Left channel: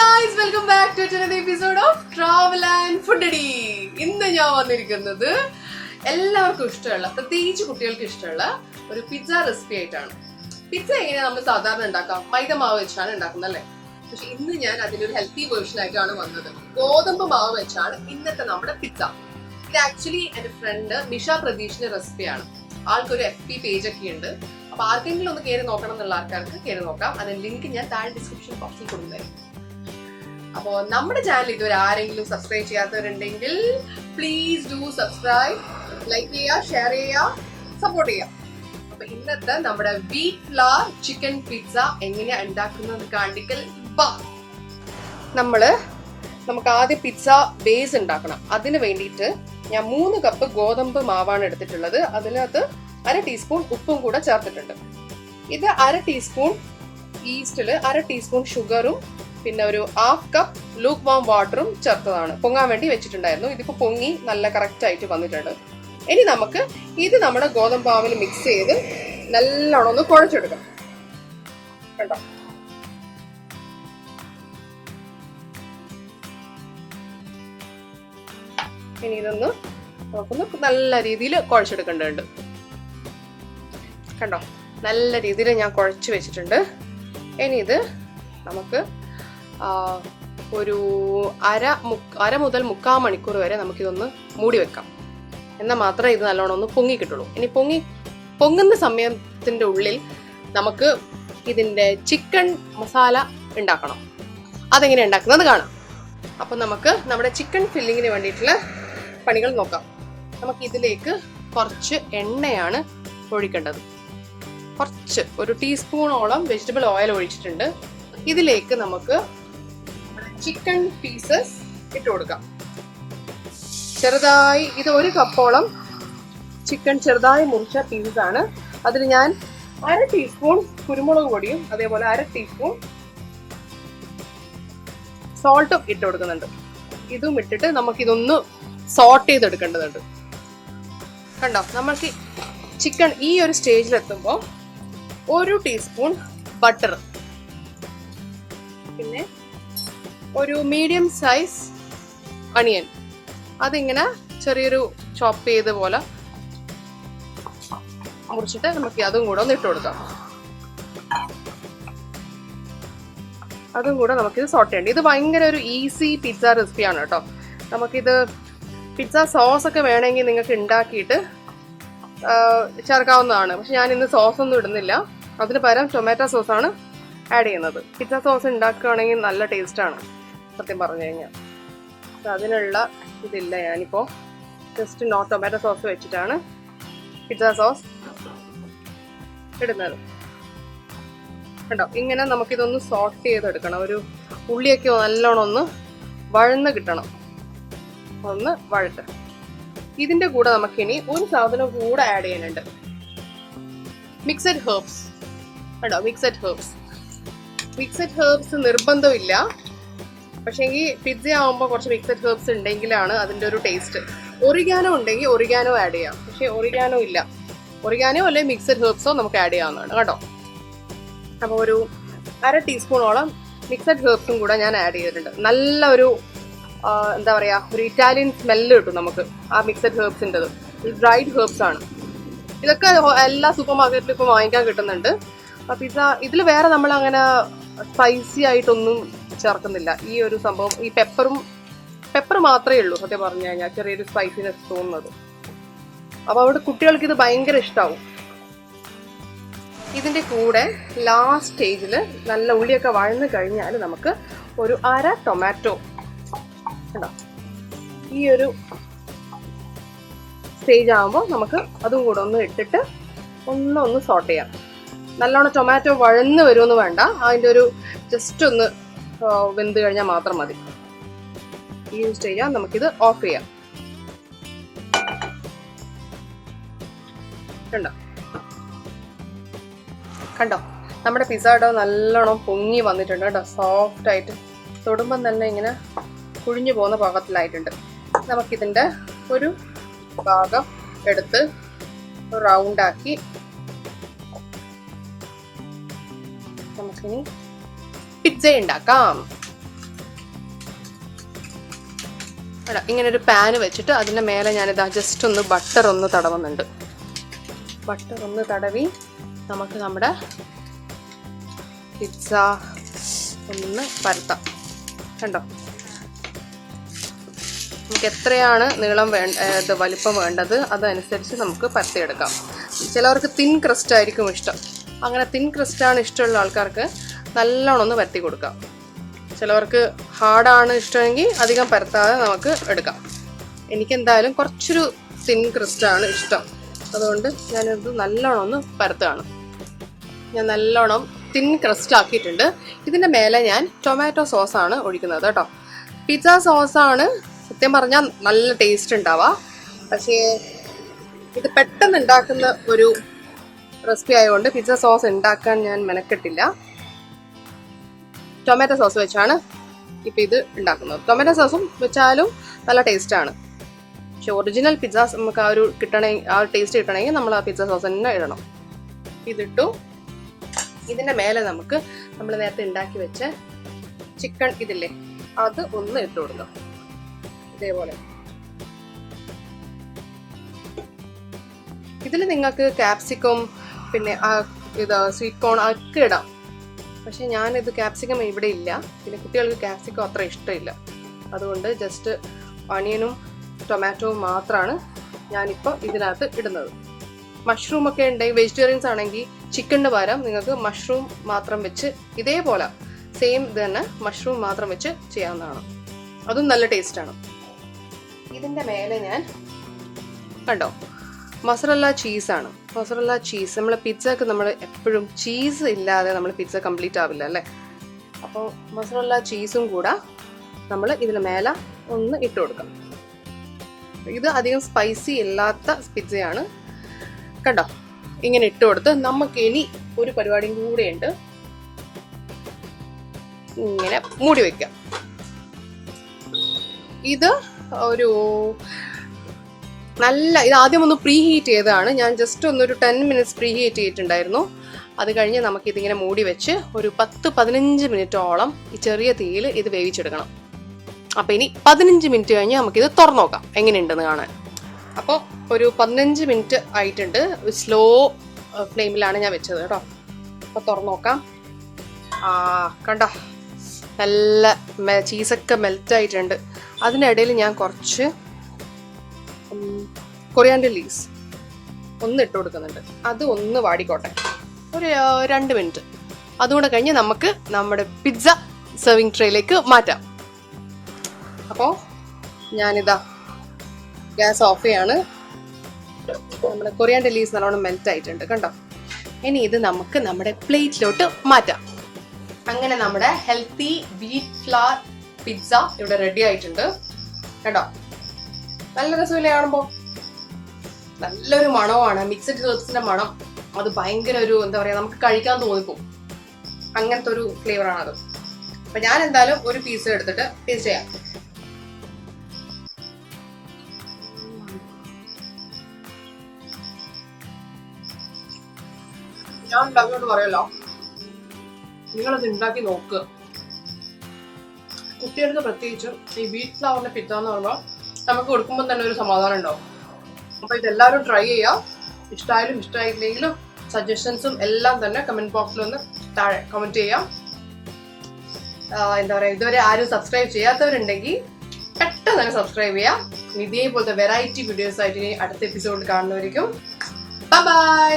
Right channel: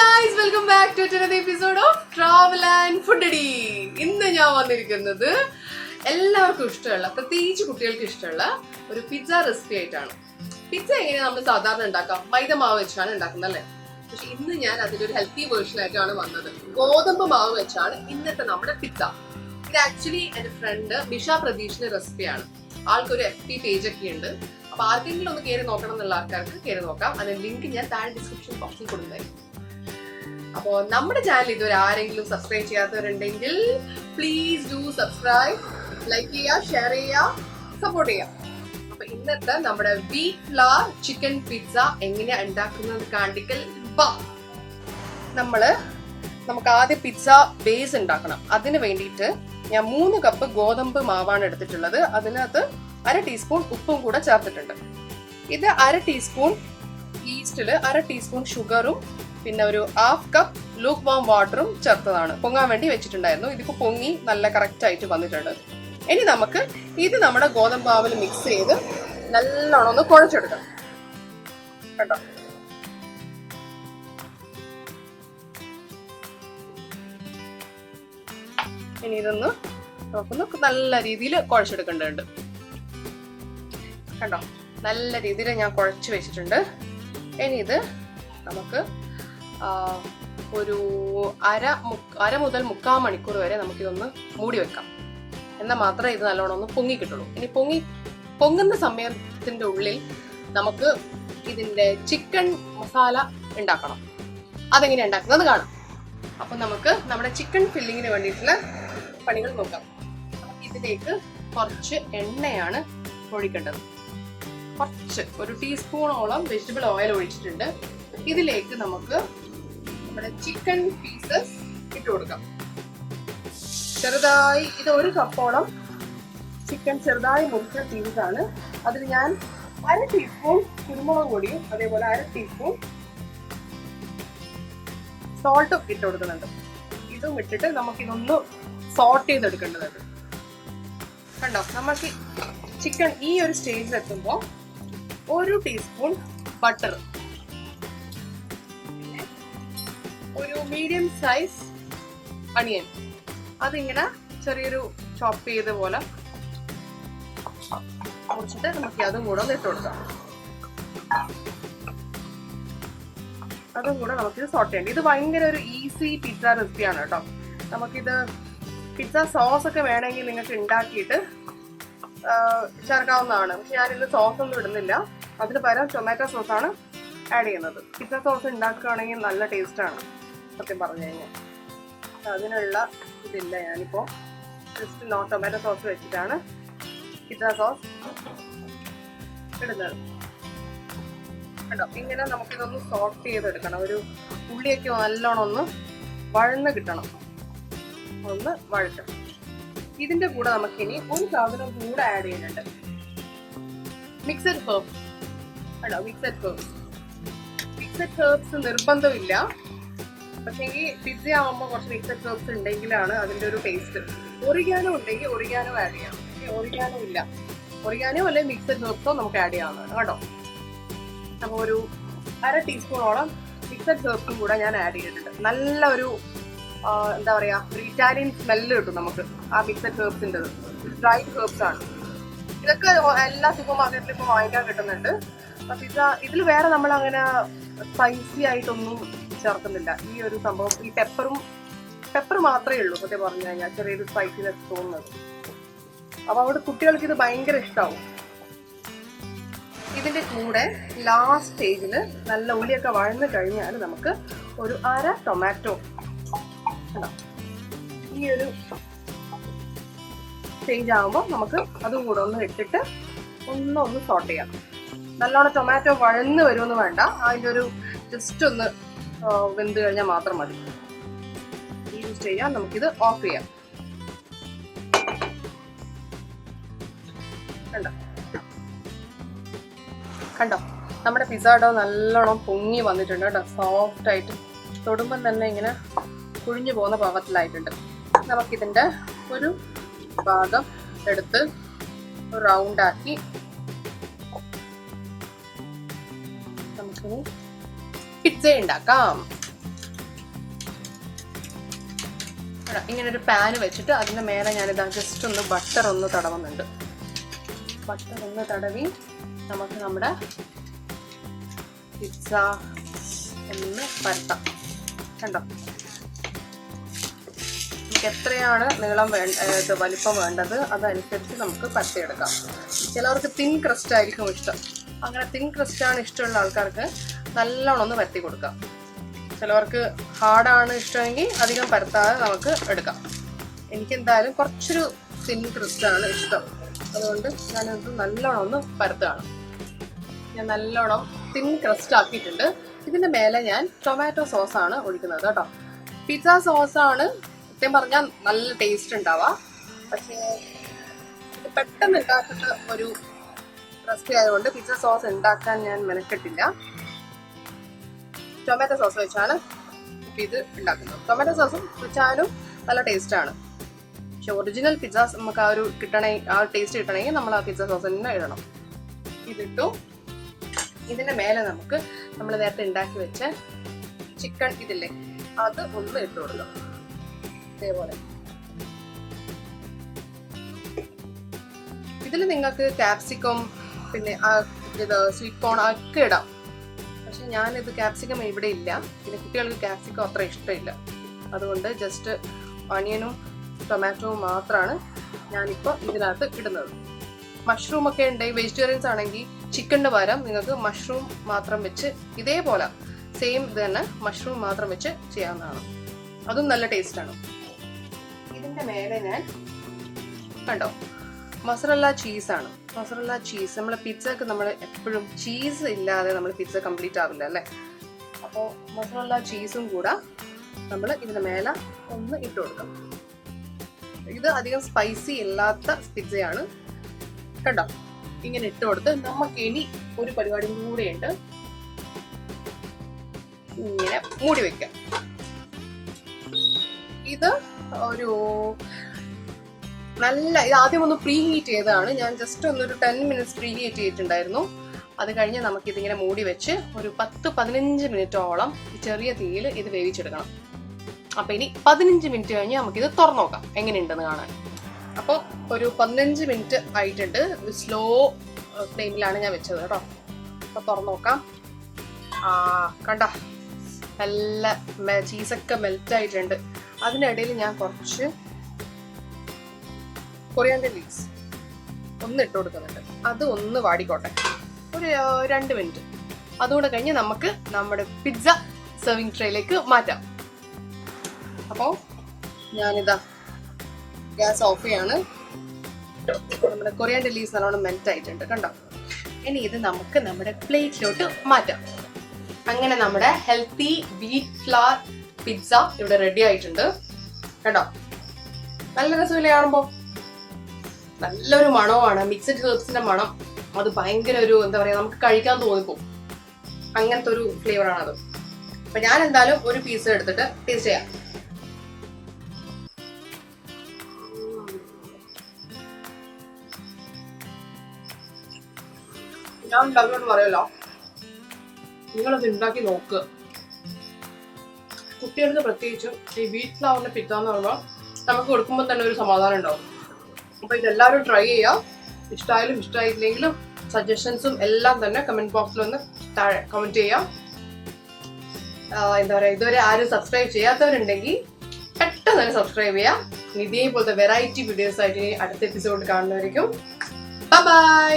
guys, welcome back to another episode of Travel and Foodity. ഇന്ന് ഞാൻ വന്നിരിക്കുന്നത് എല്ലാവർക്കും ഇഷ്ടമുള്ള, പ്രത്യേകിച്ച് കുട്ടികൾക്ക് ഇഷ്ടമുള്ള ഒരു പിസ്സ റെസിപ്പി ആയിട്ടാണ്. പിസ്സ എങ്ങനെയാണ് നമ്മൾ സാധാരണ ഉണ്ടാക്കാം? മൈദ മാവ് വെച്ചാണ് ഉണ്ടാക്കുന്നത് അല്ലേ? പക്ഷെ ഇന്ന് ഞാൻ അതിലൊരു ഹെൽത്തി വേർഷൻ ആയിട്ടാണ് വന്നത്. ഗോതമ്പ് മാവ് വെച്ചാണ് ഇന്നത്തെ നമ്മുടെ പിസ്സ. ഇത് ആക്ച്വലി എന്റെ ഫ്രണ്ട് മിഷ പ്രതീഷിന്റെ റെസിപ്പിയാണ്. ആൾക്കൊരു FB പേജ് ഒക്കെ ഉണ്ട്. അപ്പൊ ആർക്കെങ്കിലും ഒന്ന് കയറി നോക്കണം എന്നുള്ള ആൾക്കാർക്ക് കയറി നോക്കാം. അതിന്റെ ലിങ്ക് ഞാൻ താഴെ ഡിസ്ക്രിപ്ഷൻ ബോക്സിൽ കൊടുക്കുന്നതായിരിക്കും. അപ്പോൾ നമ്മുടെ ചാനൽ ഇതുവരെ ആരെങ്കിലും സബ്സ്ക്രൈബ് ചെയ്യാത്തവരുണ്ടെങ്കിൽ പ്ലീസ് ഡു സബ്സ്ക്രൈബ്, ലൈക്ക് ചെയ്യുക, ഷെയർ ചെയ്യുക, സപ്പോർട്ട് ചെയ്യുക. അപ്പൊ ഇന്നത്തെ നമ്മുടെ വീറ്റ് ഫ്ലവർ ചിക്കൻ പിസ്സ എങ്ങനെയാ ഉണ്ടാക്കുന്നത് കാണിക്കൽ. നമുക്ക് ആദ്യം പിസ്സ ബേസ് ഉണ്ടാക്കണം. അതിന് വേണ്ടിയിട്ട് ഞാൻ 3 കപ്പ് ഗോതമ്പ് മാവാണ് എടുത്തിട്ടുള്ളത്. അതിനകത്ത് 1/2 ടീസ്പൂൺ ഉപ്പും കൂടെ ചേർത്തിട്ടുണ്ട്. ഇത് 1/2 ടീസ്പൂൺ ഈസ്റ്റില് 1/2 ടീസ്പൂൺ ഷുഗറും പിന്നെ ഒരു 1/2 കപ്പ് ലൂക്ക് വാം വാട്ടറും ചേർത്തതാണ്. പൊങ്ങാൻ വേണ്ടി വെച്ചിട്ടുണ്ടായിരുന്നു. ഇതിപ്പോ പൊങ്ങി നല്ല കറക്റ്റ് ആയിട്ട് വന്നിട്ടുണ്ട്. ഇനി നമുക്ക് ഇത് നമ്മുടെ ഗോതമ്പ് മാവിൽ മിക്സ് ചെയ്ത് നല്ലോണം ഒന്ന് കുഴച്ചെടുക്കാം. കേട്ടോ, ഇനി ഇതൊന്ന് നമുക്കൊന്ന് നല്ല രീതിയിൽ കുഴച്ചെടുക്കേണ്ടതുണ്ട്. കണ്ടോ, നല്ല രീതിയിൽ ഞാൻ കുഴച്ച് വെച്ചിട്ടുണ്ട്. ഇനി ഇത് നമുക്ക് ഒരു അര മുതൽ 3/4 മണിക്കൂർ വരെ നമുക്കിതൊന്ന് മൂടി വെക്കാം. എന്നാൽ മാത്രമേ ഇത് നല്ലോണം ഒന്ന് പൊങ്ങി കിട്ടുള്ളൂ. ഇനി പൊങ്ങുന്ന സമയത്തിന്റെ ഉള്ളിൽ നമുക്ക് ഇതിന്റെ ചിക്കൻ മസാല ഉണ്ടാക്കണം. അതെങ്ങനെ ഉണ്ടാക്കുന്നത് കാണാം. അപ്പൊ നമുക്ക് നമ്മുടെ ചിക്കൻ ഫില്ലിങ്ങിന് വേണ്ടിയിട്ടുള്ള പണികൾ നോക്കാം. നമുക്ക് ഇതിലേക്ക് കുറച്ച് എണ്ണയാണ് ഒഴിക്കേണ്ടത്. ഒരു ടീസ്പൂണോളം വെജിറ്റബിൾ ഓയിൽ ഒഴിച്ചിട്ടുണ്ട്. ഇതിലേക്ക് നമുക്ക് നമ്മുടെ ചിക്കൻ പീസസ് ഇട്ട് കൊടുക്കാം. ചെറുതായി, ഇത് 1 കപ്പോളം ചിക്കൻ ചെറുതായി മുറിച്ച പീസാണ്. അതിൽ ഞാൻ 1/2 ടീസ്പൂൺ കുരുമുളക് പൊടിയും അതേപോലെ 1/2 ടീസ്പൂൺ സോൾട്ടും ഇട്ട് കൊടുക്കുന്നുണ്ട്. ഇതും ഇട്ടിട്ട് നമുക്കിതൊന്ന് സോട്ട് ചെയ്തെടുക്കേണ്ടതുണ്ട്. കണ്ടോ, നമുക്ക് ചിക്കൻ ഈ ഒരു സ്റ്റേജിലെത്തുമ്പോൾ 1 ടീസ്പൂൺ ബട്ടർ, പിന്നെ ഒരു മീഡിയം സൈസ് അണിയൻ, അതിങ്ങനെ ചെറിയൊരു ചോപ്പ് ചെയ്ത പോലെ മുറിച്ചിട്ട് നമുക്ക് അതും കൂടെ ഒന്ന് ഇട്ട് കൊടുക്കാം. അതും കൂടെ നമുക്കിത് സോട്ട് ചെയ്യണം. ഇത് ഭയങ്കര ഒരു ഈസി പിസ്സ റെസിപ്പിയാണ് കേട്ടോ. നമുക്കിത് പിസ്സ സോസ് ഒക്കെ വേണമെങ്കിൽ നിങ്ങൾക്ക് ഉണ്ടാക്കിയിട്ട് ചേർക്കാവുന്നതാണ്. പക്ഷെ ഞാൻ ഇന്ന് സോസ് ഒന്നും ഇടുന്നില്ല. അതിന് പകരം ടൊമാറ്റോ സോസാണ് ആഡ് ചെയ്യുന്നത്. പിസ്സ സോസ് ഉണ്ടാക്കുകയാണെങ്കിൽ നല്ല ടേസ്റ്റാണ് സത്യം പറഞ്ഞു കഴിഞ്ഞാൽ. അതിനുള്ള ഇതില്ല. ഞാനിപ്പോൾ ജസ്റ്റ് ടൊമാറ്റോ സോസ് വെച്ചിട്ടാണ് പിസ്സ സോസ് ഇടുന്നത്. കേട്ടോ, ഇങ്ങനെ നമുക്കിതൊന്ന് സോട്ട് ചെയ്തെടുക്കണം. ഒരു ഉള്ളിയൊക്കെ നല്ലോണം ഒന്ന് വഴന്ന് കിട്ടണം. ഒന്ന് വഴറ്റണം. ഇതിന്റെ കൂടെ നമുക്കിനി ഒരു സാധനം കൂടെ ആഡ് ചെയ്യുന്നുണ്ട്. Mixed herbs. കേട്ടോ, മിക്സഡ് ഹെർബ്സ് നിർബന്ധമില്ല. പക്ഷേ ഈ പിസ്സ ആകുമ്പോൾ കുറച്ച് മിക്സഡ് ഹെർബ്സ് ഉണ്ടെങ്കിലാണ് അതിന്റെ ഒരു ടേസ്റ്റ്. ഒറിഗാനോ ഉണ്ടെങ്കിൽ ഒറിഗാനോ ആഡ് ചെയ്യാം. പക്ഷെ ഒറിഗാനോ ഇല്ല. ഒറിഗാനോ അല്ലെങ്കിൽ മിക്സഡ് ഹെർബ്സോ നമുക്ക് ആഡ് ചെയ്യാവുന്നതാണ് കേട്ടോ. അപ്പോൾ ഒരു 1/2 ടീസ്പൂണോളം മിക്സഡ് ഹെർബ്സും കൂടെ ഞാൻ ആഡ് ചെയ്തിട്ടുണ്ട്. നല്ല ഒരു എന്താ പറയാ, ഒരു ഇറ്റാലിയൻ സ്മെല്ല് കിട്ടും നമുക്ക് ആ മിക്സഡ് ഹെർബ്സിൻ്റെത്. ഡ്രൈഡ് ഹെർബ്സ് ആണ്. ഇതൊക്കെ എല്ലാ സൂപ്പർ മാർക്കറ്റിലും ഇപ്പോൾ വാങ്ങിക്കാൻ കിട്ടുന്നുണ്ട്. പിസ്സ ഇതിൽ വേറെ നമ്മൾ അങ്ങനെ സ്പൈസി ആയിട്ടൊന്നും ചേർക്കുന്നില്ല. ഈ ഒരു സംഭവം, ഈ പെപ്പർ മാത്രമേ ഉള്ളൂ സത്യം പറഞ്ഞു കഴിഞ്ഞാൽ ചെറിയൊരു സ്പൈസിനെസ് തോന്നുന്നത്. അപ്പോൾ അവിടെ കുട്ടികൾക്ക് ഇത് ഭയങ്കര ഇഷ്ടമാവും. ഇതിന്റെ കൂടെ ലാസ്റ്റ് സ്റ്റേജിൽ നല്ല ഉള്ളിയൊക്കെ വഴന്ന് കഴിഞ്ഞാൽ നമുക്ക് ഒരു 1/2 ടൊമാറ്റോ, ഈ ഒരു സ്റ്റേജ് ആകുമ്പോൾ നമുക്ക് അതും കൂടെ ഒന്ന് ഇട്ടിട്ട് ഒന്ന് സോട്ട് ചെയ്യാം. നല്ലോണം ടൊമാറ്റോ വഴന്ന് വരുമെന്ന് വേണ്ട. അതിൻ്റെ ഒരു ജസ്റ്റ് ഒന്ന് വെന്ത് കഴിഞ്ഞാൽ മാത്രം മതി. ഈ ഒരു സ്റ്റേജാണ്. നമുക്കിത് ഓഫ് ചെയ്യാം. കണ്ടോ, നമ്മുടെ പിസ്സ ഡോ നല്ലോണം പൊങ്ങി വന്നിട്ടുണ്ട് കേട്ടോ. സോഫ്റ്റ് ആയിട്ട് തൊടുമ്പം തന്നെ ഇങ്ങനെ കുഴിഞ്ഞു പോകുന്ന പാകത്തിലായിട്ടുണ്ട്. നമുക്കിതിൻ്റെ ഒരു ഭാഗം എടുത്ത് റൗണ്ടാക്കി നമുക്കിനി പിസ്സ ഉണ്ടാക്കാം. ഇങ്ങനെ ഒരു പാന് വെച്ചിട്ട് അതിൻ്റെ മേലെ ഞാനിതാ ജസ്റ്റ് ഒന്ന് ബട്ടർ ഒന്ന് തടവുന്നുണ്ട്. ബട്ടർ ഒന്ന് തടവി നമുക്ക് നമ്മുടെ പിസ്സ ഒന്ന് പരത്താം. കണ്ടോ, നമുക്ക് എത്രയാണ് നീളം വലിപ്പം വേണ്ടത് അതനുസരിച്ച് നമുക്ക് പരത്തിയെടുക്കാം. ചിലവർക്ക് തിൻ ക്രസ്റ്റ് ആയിരിക്കും ഇഷ്ടം. അങ്ങനെ തിൻ ക്രസ്റ്റാണ് ഇഷ്ടമുള്ള ആൾക്കാർക്ക് നല്ലോണം ഒന്ന് പരത്തി കൊടുക്കാം. ചിലവർക്ക് ഹാർഡാണ് ഇഷ്ടമെങ്കിൽ അധികം പരത്താതെ നമുക്ക് എടുക്കാം. എനിക്കെന്തായാലും കുറച്ചൊരു തിൻ ക്രസ്റ്റാണ് ഇഷ്ടം. അതുകൊണ്ട് ഞാനത് നല്ലോണം ഒന്ന് പരത്തുകയാണ്. ഞാൻ നല്ലോണം തിൻ ക്രസ്റ്റ് ആക്കിയിട്ടുണ്ട്. ഇതിൻ്റെ മേലെ ഞാൻ ടൊമാറ്റോ സോസാണ് ഒഴിക്കുന്നത് കേട്ടോ. പിസ്സ സോസാണ് സത്യം പറഞ്ഞാൽ നല്ല ടേസ്റ്റ് ഉണ്ടാവുക. പക്ഷേ ഇത് പെട്ടെന്ന് ഉണ്ടാക്കുന്ന ഒരു റെസിപ്പി ആയതുകൊണ്ട് പിസ്സ സോസ് ഉണ്ടാക്കാൻ ഞാൻ മെനക്കെട്ടില്ല. ടൊമാറ്റോ സോസ് വെച്ചാണ് ഇപ്പം ഇത് ഉണ്ടാക്കുന്നത്. ടൊമാറ്റോ സോസും വെച്ചാലും നല്ല ടേസ്റ്റാണ്. പക്ഷെ ഒറിജിനൽ പിസ്സ നമുക്ക് ആ ഒരു ടേസ്റ്റ് കിട്ടണമെങ്കിൽ നമ്മൾ ആ പിസ്സ സോസ് തന്നെ ഇടണം. ഇതിട്ടു. ഇതിൻ്റെ മേലെ നമുക്ക് നമ്മൾ നേരത്തെ ഉണ്ടാക്കി വെച്ച ചിക്കൻ ഇതില്ലേ അത് ഒന്ന് ഇട്ട് കൊടുക്കാം. ഇതേപോലെ ഇതിൽ നിങ്ങൾക്ക് ക്യാപ്സിക്കം പിന്നെ ഇത് സ്വീറ്റ് കോൺ ഒക്കെ ഇടാം. പക്ഷെ ഞാനിത് ക്യാപ്സിക്കം ഇവിടെ ഇല്ല. പിന്നെ കുട്ടികൾക്ക് ക്യാപ്സിക്കം അത്ര ഇഷ്ടമില്ല. അതുകൊണ്ട് ജസ്റ്റ് ഓണിയനും ടൊമാറ്റോവും മാത്രമാണ് ഞാനിപ്പോൾ ഇതിനകത്ത് ഇടുന്നത്. മഷ്റൂം ഒക്കെ ഉണ്ടെങ്കിൽ വെജിറ്റേറിയൻസ് ആണെങ്കിൽ ചിക്കൻ്റെ പകരം നിങ്ങൾക്ക് മഷ്റൂം മാത്രം വെച്ച് ഇതേപോലെ സെയിം ഇത് തന്നെ മഷ്റൂം മാത്രം വെച്ച് ചെയ്യാവുന്നതാണ്. അതും നല്ല ടേസ്റ്റാണ്. ഇതിൻ്റെ മേലെ ഞാൻ കണ്ടോ മൊസറല്ല ചീസാണ്. മൊസറല്ല ചീസ് നമ്മൾ പിസ്സക്ക് നമ്മൾ എപ്പോഴും ചീസ് ഇല്ലാതെ നമ്മൾ പിസ്സ കംപ്ലീറ്റ് ആവില്ല അല്ലേ. അപ്പോൾ മൊസറല്ല ചീസും കൂടെ നമ്മൾ ഇതിന് മേലെ ഒന്ന് ഇട്ട് കൊടുക്കാം. ഇത് അധികം സ്പൈസി ഇല്ലാത്ത പിസ്സയാണ്. കണ്ടോ, ഇങ്ങനെ ഇട്ട് കൊടുത്ത് നമുക്ക് ഇനി ഒരു പരിപാടിയും കൂടെയുണ്ട്. ഇങ്ങനെ മൂടി വെക്കാം. ഇത് ഒരു ഇത് ആദ്യം ഒന്ന് പ്രീ ഹീറ്റ് ചെയ്തതാണ്. ഞാൻ ജസ്റ്റ് ഒന്നൊരു 10 മിനിറ്റ്സ് പ്രീ ഹീറ്റ് ചെയ്തിട്ടുണ്ടായിരുന്നു. അത് കഴിഞ്ഞ് നമുക്കിതിങ്ങനെ മൂടി വെച്ച് ഒരു 10-15 മിനിറ്റോളം ഈ ചെറിയ തീയിൽ ഇത് വേവിച്ചെടുക്കണം. അപ്പോൾ ഇനി 15 മിനിറ്റ് കഴിഞ്ഞ് നമുക്കിത് തുറന്നു നോക്കാം എങ്ങനെയുണ്ടെന്ന് കാണാൻ. അപ്പോൾ ഒരു 15 മിനിറ്റ് ആയിട്ടുണ്ട്. സ്ലോ ഫ്ലെയിമിലാണ് ഞാൻ വെച്ചത് കേട്ടോ. അപ്പോൾ തുറന്നു നോക്കാം. കണ്ടോ, നല്ല ചീസൊക്കെ മെൽറ്റായിട്ടുണ്ട്. അതിനിടയിൽ ഞാൻ കുറച്ച് കൊറിയാൻഡർ ലീവ്സ് ഒന്ന് ഇട്ട് കൊടുക്കുന്നുണ്ട്. അത് ഒന്ന് വാടിക്കോട്ടെ ഒരു 2 മിനിറ്റ്. അതുകൊണ്ട് കഴിഞ്ഞ് നമുക്ക് നമ്മുടെ പിസ്സ സെർവിങ് ട്രേയിലേക്ക് മാറ്റാം. അപ്പോൾ ഞാനിതാ ഗ്യാസ് ഓഫ് ചെയ്യാണ്. നമ്മുടെ കൊറിയാൻഡർ ലീവ്സ് നല്ലോണം മെൽറ്റ് ആയിട്ടുണ്ട് കണ്ടോ. ഇനി ഇത് നമുക്ക് നമ്മുടെ പ്ലേറ്റിലോട്ട് മാറ്റാം. അങ്ങനെ നമ്മുടെ ഹെൽത്തി വീറ്റ് ഫ്ലവർ പിസ്സ ഇവിടെ റെഡി ആയിട്ടുണ്ട് കേട്ടോ. നല്ല രസമില്ലേ കാണുമ്പോൾ? നല്ലൊരു മണമാണ്, മിക്സഡ് ഹെർബ്സിന്റെ മണം. അത് ഭയങ്കര ഒരു എന്താ പറയാ, നമുക്ക് കഴിക്കാൻ തോന്നിപ്പോകും. അങ്ങനത്തെ ഒരു ഫ്ലേവറാണത്. അപ്പൊ ഞാൻ എന്തായാലും ഒരു പീസ് എടുത്തിട്ട് ടേസ്റ്റ് ചെയ്യാം. ഞാൻ ഉണ്ടാക്കിയോണ്ട് പറയല്ലോ, നിങ്ങളത് ഉണ്ടാക്കി നോക്കുക. കുട്ടികൾക്ക് പ്രത്യേകിച്ചും ഈ വീറ്റ് ഫ്ലവറിന്റെ പിസ്സ എന്ന് പറയുമ്പോൾ നമുക്ക് കൊടുക്കുമ്പോൾ തന്നെ ഒരു സമാധാനം ഉണ്ടാവും. അപ്പോൾ ഇതെല്ലാവരും ട്രൈ ചെയ്യാം. ഇഷ്ടമായാലും ഇഷ്ടമായില്ലെങ്കിലും സജഷൻസും എല്ലാം തന്നെ കമൻറ്റ് ബോക്സിൽ ഒന്ന് താഴെ കമൻറ്റ് ചെയ്യാം. എന്താ പറയുക, ഇതുവരെ ആരും സബ്സ്ക്രൈബ് ചെയ്യാത്തവരുണ്ടെങ്കിൽ പെട്ടെന്ന് തന്നെ സബ്സ്ക്രൈബ് ചെയ്യാം. ഇതേപോലത്തെ വെറൈറ്റി വീഡിയോസ് ആയിട്ട് അടുത്ത എപ്പിസോഡ് കാണുന്നവരിക്കും ബൈ.